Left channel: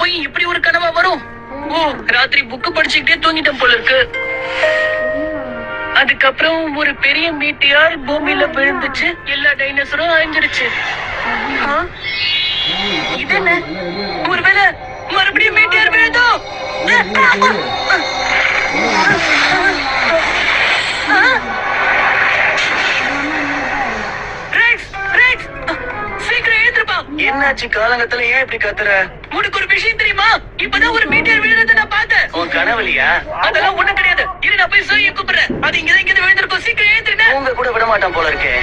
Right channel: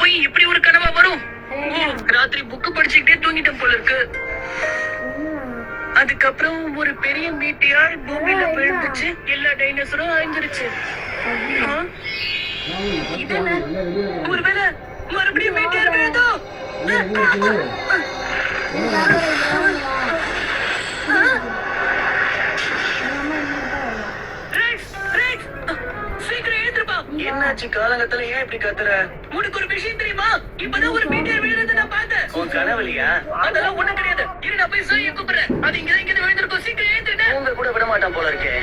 போய் இப்படி ஒரு கனவா வரும். ஓ, ராத்திரி புக்கு படிச்சுக்கிட்டே தூங்கிட்டேன் போல இருக்கு. அதுக்கப்புறம் ஒரு பெரிய மீட்டியார் பூமியில விழுந்துச்சு. எல்லா டைனோசரும் அழிஞ்சிருச்சு. இது என்ன? ஒருவேளை மறுபடியும் மீட்டியார் விழுதோ? என்னாச்சு? காலங்கத்துல ஏன் இப்படி கத்துற? உனக்கு ஒரு விஷயம் தெரியுமா? இப்பதான் ஒரு மீட்டர் விழுறத நான் பார்த்தேன். உன் கனவுலியா? அதெல்லாம் ஒண்ணும் கிடையாது. இரு, நான் போய் சூரிய கூப்பிடுறேன். அது இங்க விழுந்திருக்கும். சீக்கிரம் ஏத்துறேன். உங்க கூட விட மாட்டான் போல இருக்கே.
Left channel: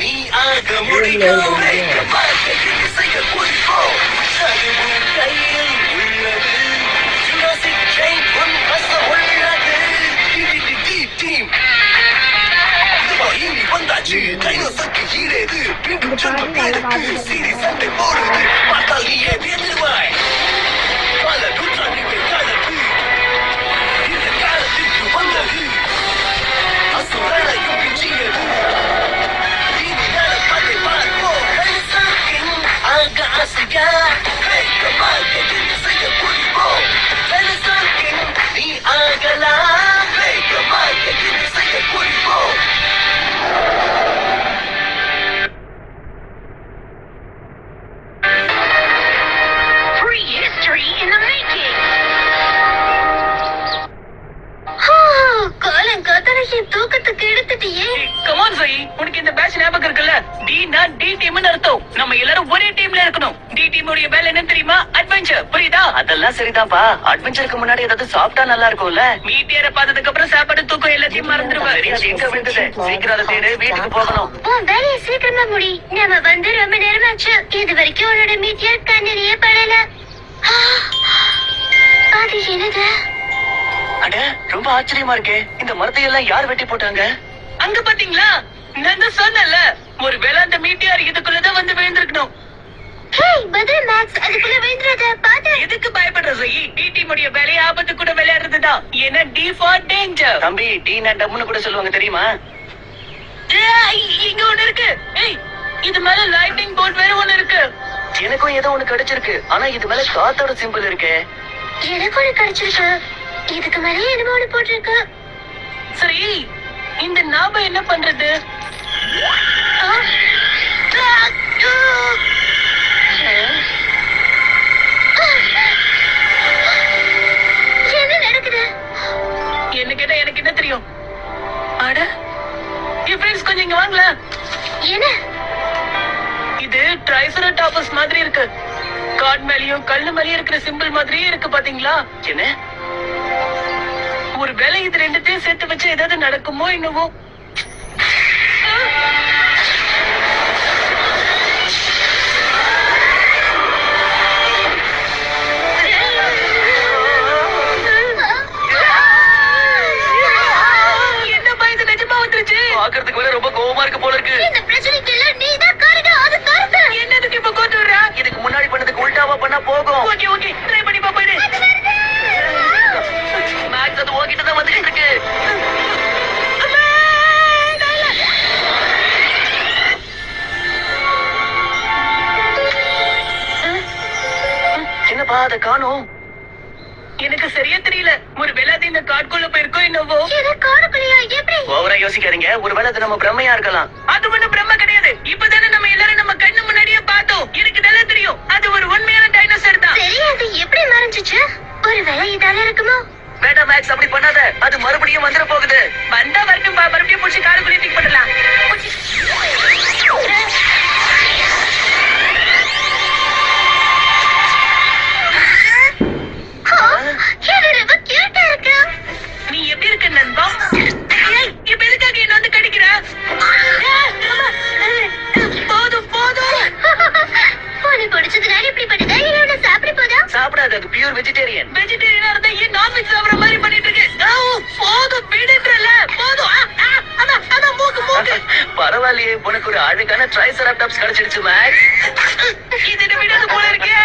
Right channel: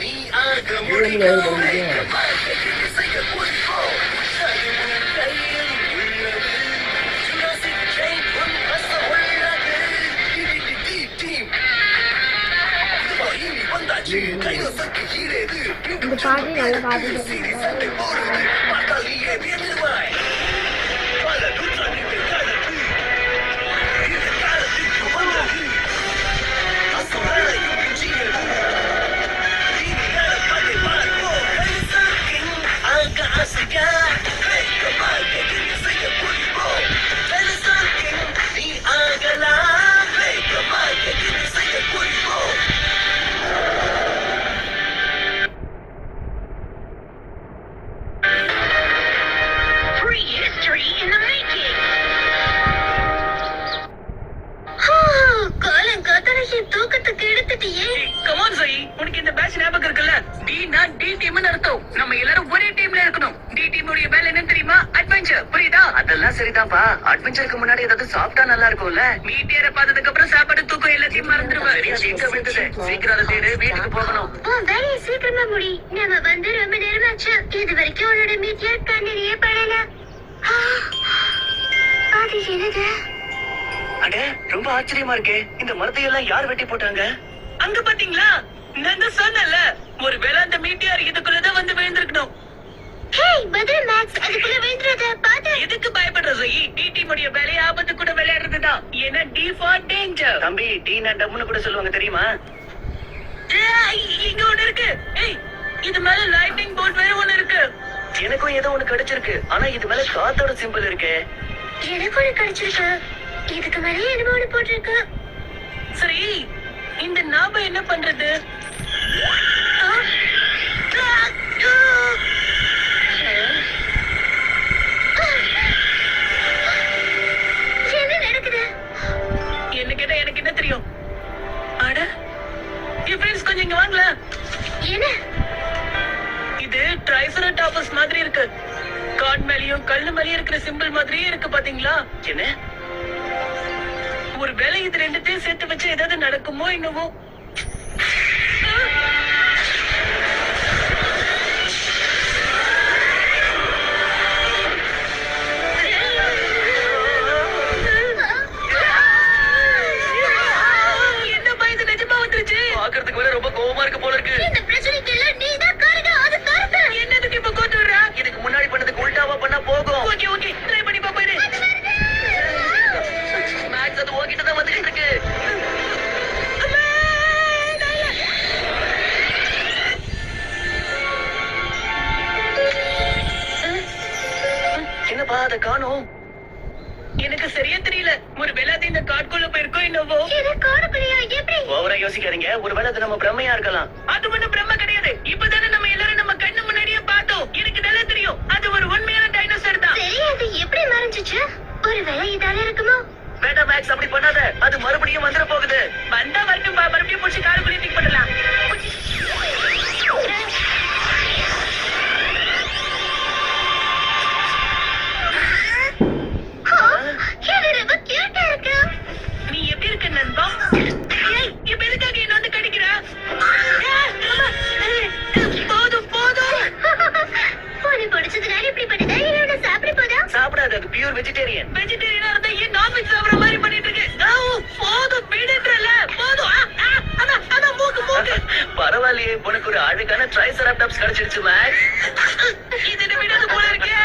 நீ ஆக முடியும். உனக்கு இந்த பேட்ச் ஞாபகம் இருக்குல்ல? டீனா டி டீம்னு அர்த்தம். நம்ம எல்லாரும் ஒரே டீம்ல இருக்கணும். டி டீமோட வேலை என்ன தெரியுமா? அட்வென்ச்சர். புரியுதா? அதெல்லாம் சரிதான்ப்பா. அட்வென்ச்சருக்கு முன்னாடி ஏதாவது சாப்பிட்டா நல்லா இருக்கும்ல. மீட்டியரை பார்த்ததுக்கு அப்புறம் சாப்பாடு தூக்கம் எல்லாத்தையும் மறந்துடுவேன். சீக்கிரம் அதை தேடு, வீட்டுக்கு போகணும். வேலையை சீக்கிரமா முடி. நம்ம வந்து ரொம்ப நேரமாச்சு. இது வரைக்கும் உன்னோட மீட்டியர் கண்ணிலேயே படல. அது என்னது? அட, ரொம்ப ஆச்சரியமா இருக்கே. இந்த மரத்தை எல்லாம் யார் வெட்டி போட்டாங்க? அங்க பாத்தீங்களா? நான் சொன்னல, ஒரு வேளை அந்த மீட்டியார் இதுக்குள்ளதான் வந்து விழுந்திருக்கணும். பதில் மேக்ஸ், அதுக்குள்ள விழுந்துறத பாத்து எதுக்கு பயப்படுற ரயி? டி முடிய வேலையை ஆபத்து கூட விளையாடுறதுதான். ஏன்னா டி ஃபார் டேஞ்சர். தம்பி, டீனா டம்னு கூட சொல்லுவாங்க தெரியுமா? இங்க ஒண்ணு இருக்கு. ஏய், இது மேல லைட்டிங் போர்ட் வேற ஒண்ணு இருக்கு. எனக்கும் ஏதோ ஒண்ணு கிடைச்சிருக்கு. ஆனா இது மேல காத்தோட சிம்பிள் இருக்கு. எனக்கு ஒண்ணு கிடைச்சிருக்கு. இதுக்கு மேல என்னமோ ஒண்ணு போட்டிருக்கு. சரி, இந்த நாம என்ன பண்றது? என்ன நடக்குது? என்ன கேட்டா எனக்கு என்ன தெரியும்? அட, என் ஃப்ரெண்ட்ஸ் கொஞ்சம் இங்க வாங்கல. என்ன இது? ட்ரைசெராடாப்ஸ் மாதிரி இருக்கு. காட் மேலயும் கல்லு மேலயும் இருக்கிற சிம்பிள் மாதிரியே இருக்கு. பாத்தீங்களா? என்ன? ஒரு வேலை இது ரெண்டுத்தையும் சேர்த்து வச்சு ஏதாவது நடக்குமோ என்னவோ. என்னப்பா இது நிஜமா வந்துருச்சு? பாக்குறதுக்கு வேற ரொம்ப கோவமா இருக்கு போல இருக்கு. இந்த பிரச்சனைக்கு எல்லாம் நீதான் காரணம். அது காரணம் என்னதுக்கு இப்ப கோத்து விடுறா? இதுக்கு முன்னாடி பண்ணதுக்கு உல்டாவா பண்ணா போகும். ஓகே, ட்ரை பண்ணி பாப்போம். மேக்ஸ், அது உன்கிட்ட தான் வந்துட்டு இருக்கு. என்னப்பா, அதை காணோம். எனக்கு சரியா தெரியல. ஒரு வேளை அது இந்த காட்டுக்குள்ள போயிருக்கோ என்னவோ. ஓவரா யோசிக்காதீங்க. ஒருவேளை அது நம்ம பிரம்மையா இருக்கலாம். அது ஒண்ணு பிரம்ம கிடையாது. இப்பதானே நம்ம எல்லாரும் நம்ம கண்ணு முன்னாடியே பார்த்தோம். எனக்கு நல்லா தெரியும், அது ஒரு உண்மையான டைனோசர் தான். சரி, அது எப்படி மறைஞ்சிச்சு? ஒருவேளை இதால இருக்குமோ? வேண்டாம் மேக்ஸ், அப்படி பண்ணாத. அது மறுபடியும் வந்துட போகுது. வந்தா வரட்டும், மறுபடியும் புடிச்சு காலுக்குள்ளே தூக்கி போடலாம். நீ எப்படி இருக்க நண்பா? இப்ப எதுக்காக என்ன வந்து கடிக்கிற? போதும். சாப்பிடாது, அது பியூர் வெஜிடேரியன். வெஜிடேரியனா இருந்தா ஏன் நான்வெஜ் சாப்பிடுற மாதிரி பண்ணிட்டு இருக்கு? போதும், விடுன்றல. போதும். அதான் மூக்கு. பரவாயில்லையே, உனக்கு ஒரு அழகான ட்ரைசெராடாப்ஸ் கிடைச்சிடுச்சு மேக்ஸ். இது விடாது போல இருக்கே.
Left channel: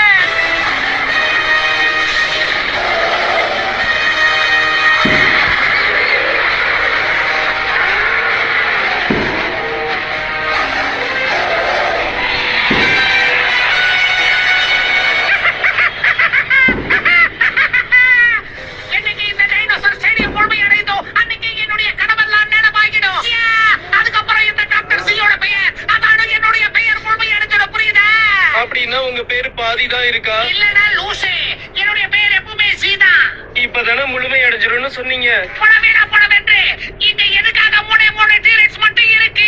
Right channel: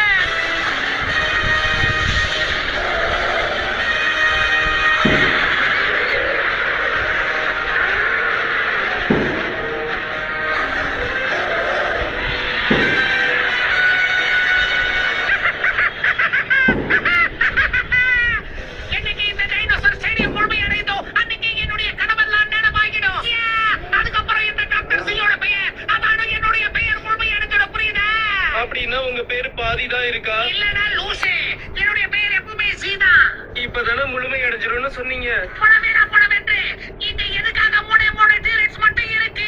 இல்லடா லூசு, என்னுடைய பேர் எப்பவுமே சீதா. இப்பதானே முழுமை அடைஞ்சிரும்னு சொன்னீங்க. புடவேடா புடவென்று இங்க எதுக்காக மூணு டீரக்ஸ் மட்டும் இருக்கு?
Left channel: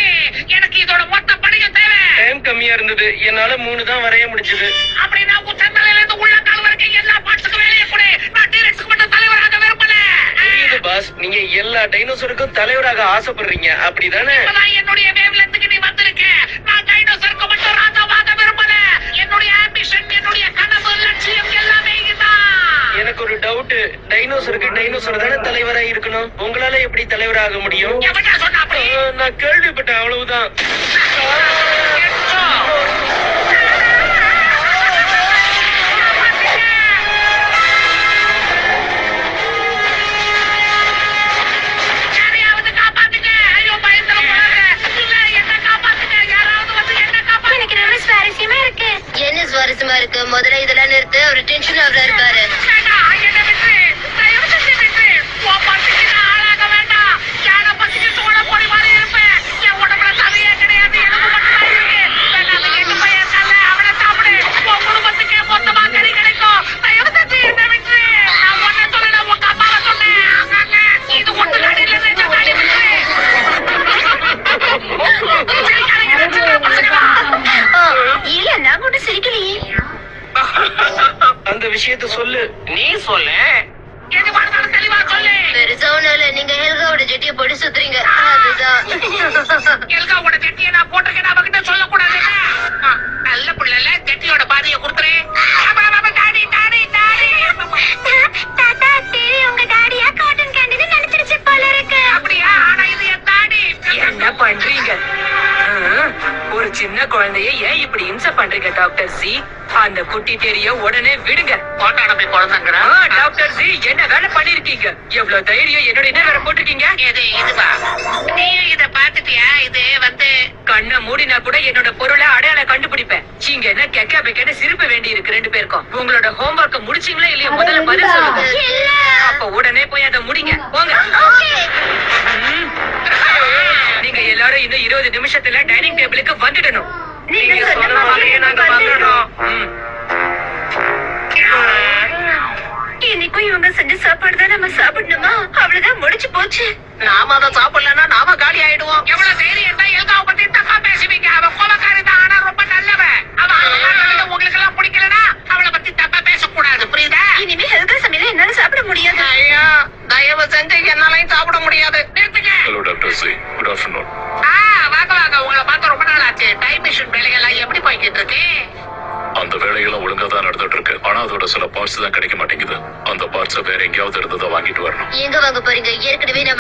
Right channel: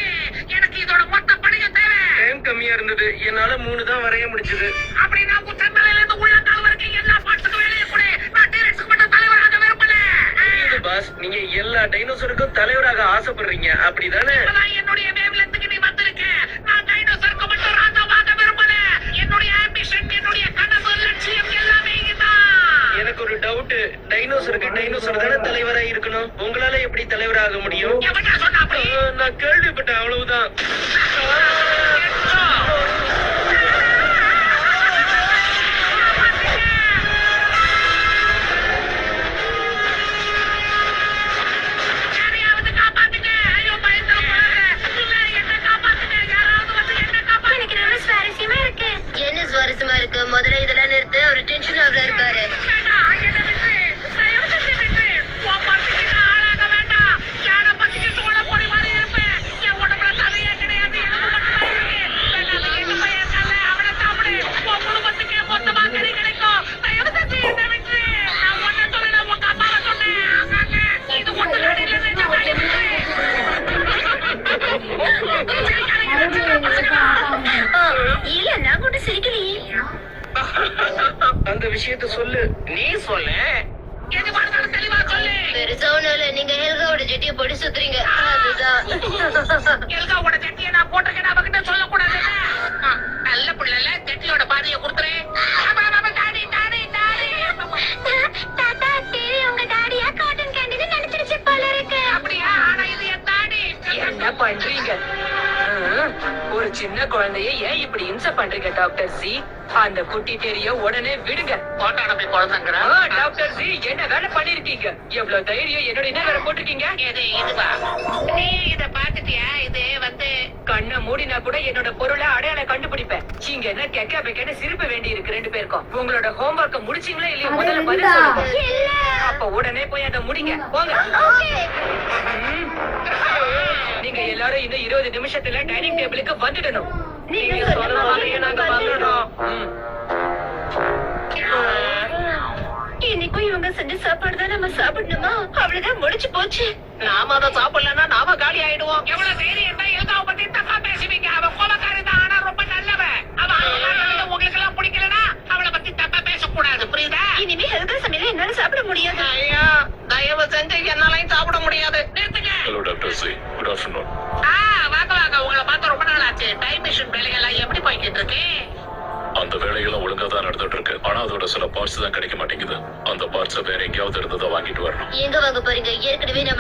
எனக்கு இதோட மொத்த பணியும் தேவை. டைம் கம்மியா இருந்தது, என்னால 3 தான் வரைய முடிஞ்சது. அப்படின்னா உச்சந்தலையில இருந்து உள்ளங்கால் வரைக்கும் எல்லா பார்ட்ஸுக்கும் வேலையை கொடு. நான் டீரக்ஸ்க்கு மட்டும் தலைவராக விரும்பல. புரியுது பாஸ், நீங்க எல்லா டைனோசருக்கும் தலைவராக ஆசைப்படுறீங்க, அப்படிதானே? இப்பதான் என்னுடைய வேவ்லென்த்துக்கு நீ வந்திருக்க. நான் டைனோசருக்கு மட்டும் ராஜாவாக விரும்பல. என்னுடைய ஆம்பிஷன், என்னுடைய கனவு, லட்சியம் எல்லாமே இதுதான். எனக்கு ஒரு டவுட், டைனோசர் தானே தலைவரா இருக்கணும், உங்களால எப்படி தலைவராக முடியும்? எவன்டா சொன்னா அப்படி? நான் கேள்விப்பட்டேன், அவ்வளவுதான். யாரையாவது காப்பாத்துங்க. ஐயோ, பயத்துல போறாங்க. இல்ல, என்ன காப்பாத்துங்க. யாராவது வந்து என்ன காப்பாத்துங்க. எனக்கு ரொம்ப சுவாரஸ்யமா இருக்கு. என்ன சுவாரஸ்யமா இருக்கு? முதல்ல இதெல்லாம் நிறுத்து. ஒரு டென்ஷன் ஆகுறாரு பாரு. வேண்டாம், என்னை விட்டு. தயவு செஞ்சு விட்டு. உன் பசிக்கு நான் ஆளாக வேண்டாம். யானை பசிக்கு சோள பொடி மாதிரி இருப்பேன். என் உடம்புல சதையே கிடையாது, எலும்பு மட்டும்தான் இருக்கு. வேண்டாம், எட்டு பையன் இருக்கான்ல, அவனை சாப்பிடு. உன் குடும்பத்துக்கே மொத்தமா கறி கிடைக்கும். தயவு செஞ்சு என்னை விட்டு. நான் உன்னை சொல்லல, உங்க அம்மாவை சொன்னேன். ஆமாங்க, இது ஒட்டு நாடு இல்ல, நிஜ நாடு விட்டு. இல்ல, நான் கூட சிரிக்கலையே. அந்த விஷயத்த சொல்லு. நீ சொல்லு. எது வாழ்ந்தாலும் தெளிவா சொல்லு. பெருசா ஒண்ணும் இல்ல. நீங்க ஹெல்காவோட ஜெட்டியை போட்டு சுத்துறீங்க, அதுதான். எல்காவோட ஜெட்டியை நான் போட்டிருக்கேன், அவகிட்ட சொல்லக்கூடாது. நல்ல புள்ளல, ஜெட்டியோட பாதியை கொடுத்துரு. Daddy daddy daddy. தாத்தா, சரி, உங்க டாடியா காட்டன் கேண்டின்னு நினைச்சிருச்சு போல இருக்கு. அப்படியா? ஆனா இது என் டாடி. என்ன பண்றீங்க? ஒரு சின்ன குழந்தைய ஏன் இப்படி இம்சை பண்றீங்க டாக்டர் சி? அந்த குட்டி தெரிய உடனே விடுங்க. போட்டாட போய் குழந்தைங்கிற. டாக்டர் சி, என்ன வேலை பண்ணிருக்கீங்க? எவ்வளவு தைரியம் என்னோட என்ன வேலை போட்டிருக்கீங்க? இதுவா? நீ இத பாத்துட்டியா? இது வந்து கண்ணை மூடினா கூட என்னோட பொருளை அடையாளம் கண்டுபிடிப்பேன். இங்க என்ன கெக்க பெக்கன்னு சிரிப்பு வேண்டி இருக்கு ரெண்டு பேருக்கும். உங்களோட ஹோம்ஒர்க்க முடிச்சீங்களா இல்லையா? முதல்ல பதில் சொல்லுங்க. இல்ல. அப்ப உடனே போய் அதை முடிங்க, போங்க. ஓகே. ம். நீங்க எல்லாரும் இன்னும் 20 நிமிஷத்துல டைனிங் டேபிளுக்கு வந்துடணும். நீங்க சொன்ன மாதிரியே நாங்க வந்துடுறோம். ம். இன்னைக்கும் இவங்க செஞ்ச சாப்பாடு தான் நம்ம சாப்பிடணுமா? அவ்வளவுதான், முடிச்சு போச்சு. நாம அதை சாப்பிடலன்னா நாம காலி ஆயிடுவோம். எவ்வளவு தைரியம் தான் எல்காவை பத்தி தப்பா பேசுவீங்க? அவ கோபக்காரி தான், ஆனா ரொம்ப நல்லவ. அவ உங்களுக்கு எல்லாம் பிடிக்கலனா அவளை பத்தி தப்பா பேசக்கூடாது, புரியுதா? இனிமே ஹெல்கா சமையல என்னால சாப்பிட முடியாது. ஐயோ, தயவு செஞ்சு என்னாலையும் சாப்பிட முடியாது. நிறுத்துங்க. Hello doctor C, good afternoon. வாங்க வாங்க, உங்களை பார்த்து ரொம்ப நாள் ஆச்சு. டைம் மிஷின் வேலைகள்லாம் எப்படி போய்கிட்டு இருக்கு? அந்த வேலையெல்லாம் ஒழுங்கா தான் நடந்துட்டு இருக்கு. ஆனா அதோட சில பார்ட்ஸ் தான் கிடைக்க மாட்டேங்குது. அந்த பார்ட்ஸை வேற எங்கேயாவது இருந்ததை வாங்கிட்டு வரணும். எங்க வாங்க போறீங்க? ஏற்கனவே நம்ம